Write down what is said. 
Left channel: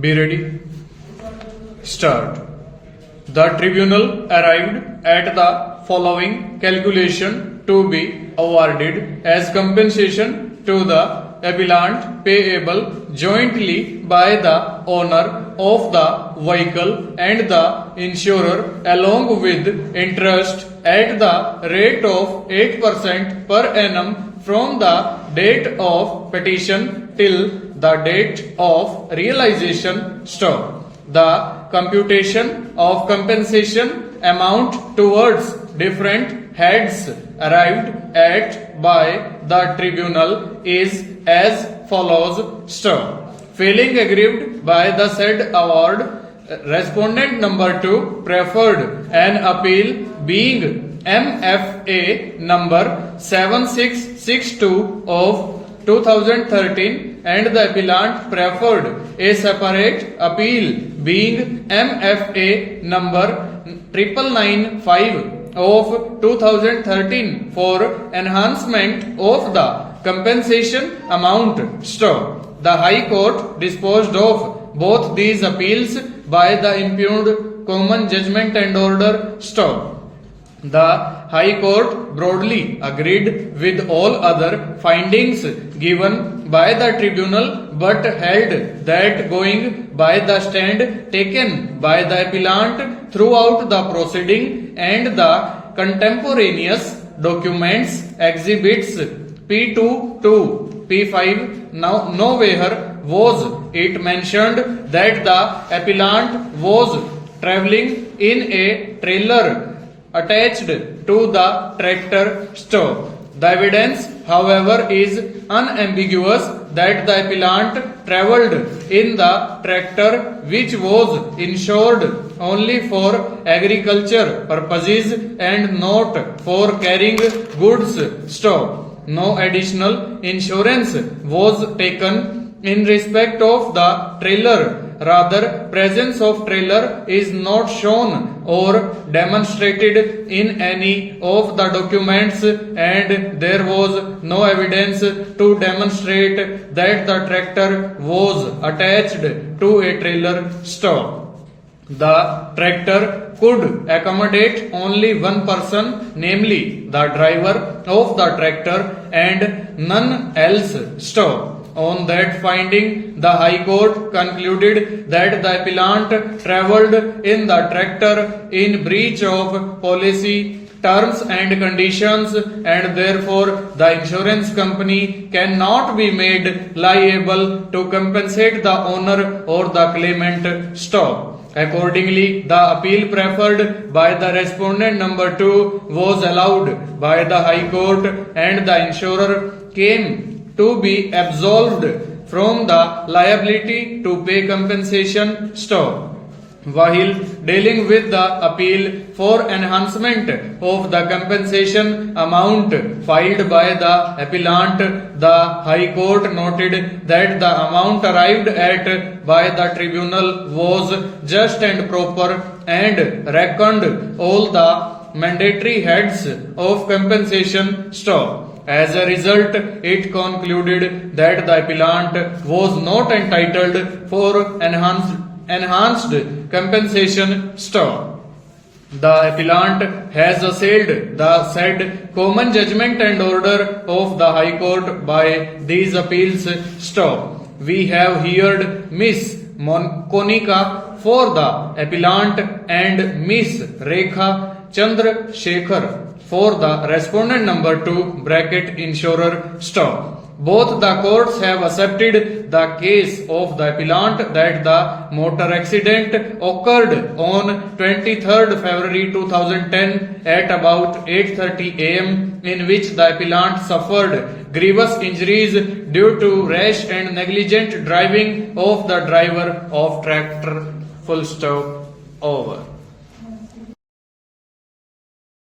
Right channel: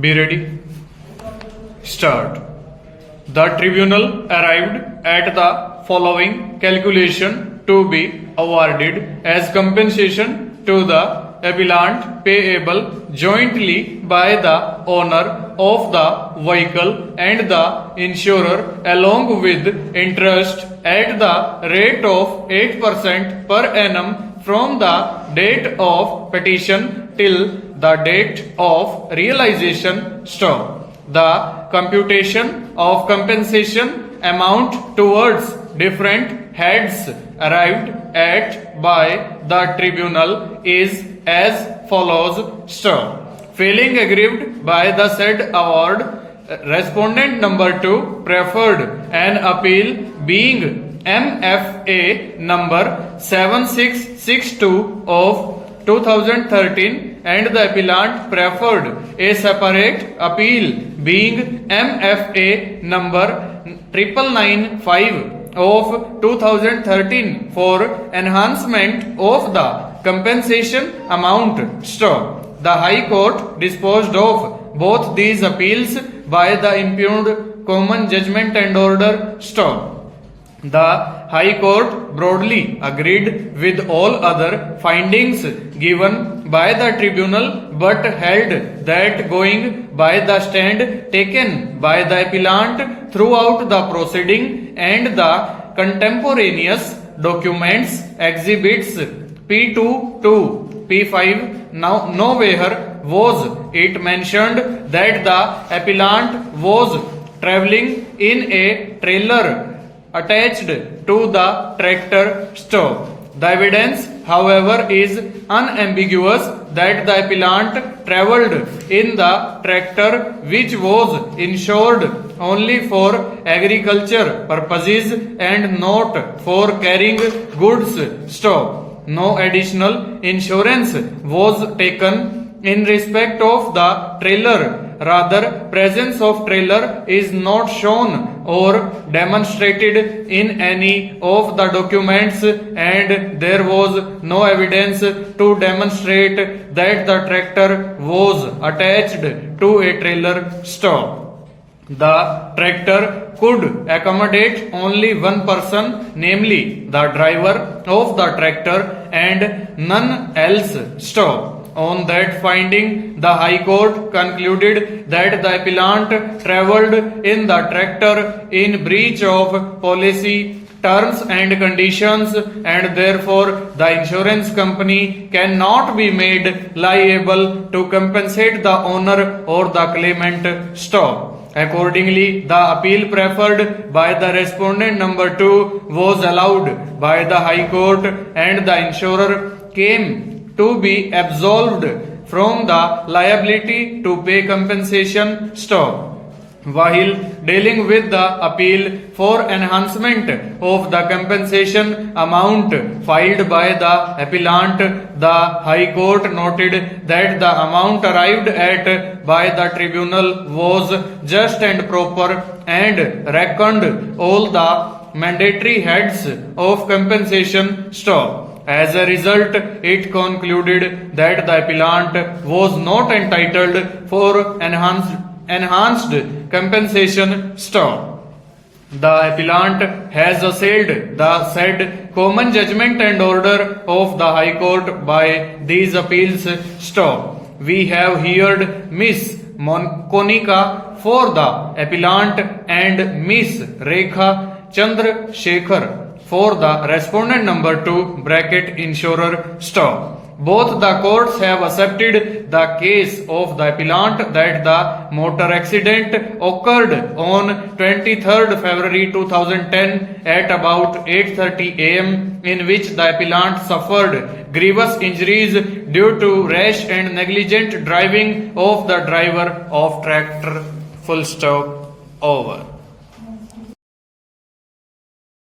Be ready. Start. The tribunal arrived at the following calculation to be awarded as compensation to the appellant payable jointly by the owner of the vehicle and the insurer along with interest at the rate of 8% per annum from the date of petition till the date of realization. Stop. The computation of compensation amount towards different heads arrived at by the tribunal is as follows. Stop. Failing aggrieved by the said award, respondent number 2 preferred an appeal being MFA number 7662 of 2013 and the appellant preferred a separate appeal being MFA number 9995 of 2013 for enhancement of the compensation amount. Stop. The High Court disposed of both these appeals by the impugned common judgment and order. Stop. The High Court broadly agreed with all other findings given by the tribunal but held that going by the stand taken by the appellant throughout the proceeding and the contemporaneous documents exhibits P2 to P5 nowhere was it mentioned that the appellant was travelling in a trailer attached to the tractor. Stop. The evidence, however, is unambiguous that the appellant travelled in the tractor which was insured only for agriculture purposes and not for carrying goods. Stop. No additional insurance was taken in respect of the trailer. Rather, presence of trailer is not shown or demonstrated in any of the documents and there was no evidence to demonstrate that the tractor was attached to a trailer. Stop. The tractor could accommodate only one person, namely the driver of the tractor and none else. Stop. On that finding, the High Court concluded that the appellant travelled in the tractor in breach of policy terms and conditions and therefore the insurance company cannot be made liable to compensate the owner or the claimant. Stop. Accordingly, the appeal preferred by the respondent number 2 was allowed by the High Court and the insurer came to be absolved from the liability to pay compensation. Stop. While dealing with the appeal for enhancement of the compensation amount filed by the appellant, the High Court noted that the amount arrived at by the tribunal was just and proper and reckoned all the mandatory heads of compensation. Stop. As a result, it concluded that the appellant was not entitled for enhanced compensation. Stop. The appellant has assailed the said common judgment and order of the High Court by these appeals. Stop. We have heard Miss Konika for the appellant and Miss Rekha Chandra Shekhar for the respondent number 2 bracket insurer. Stop. Both the courts have accepted the case of the appellant that the motor accident occurred on 23rd February 2010 at about 8:30 am in which the appellant suffered grievous injuries due to rash and negligent driving of the driver of tractor. Full stop. Over.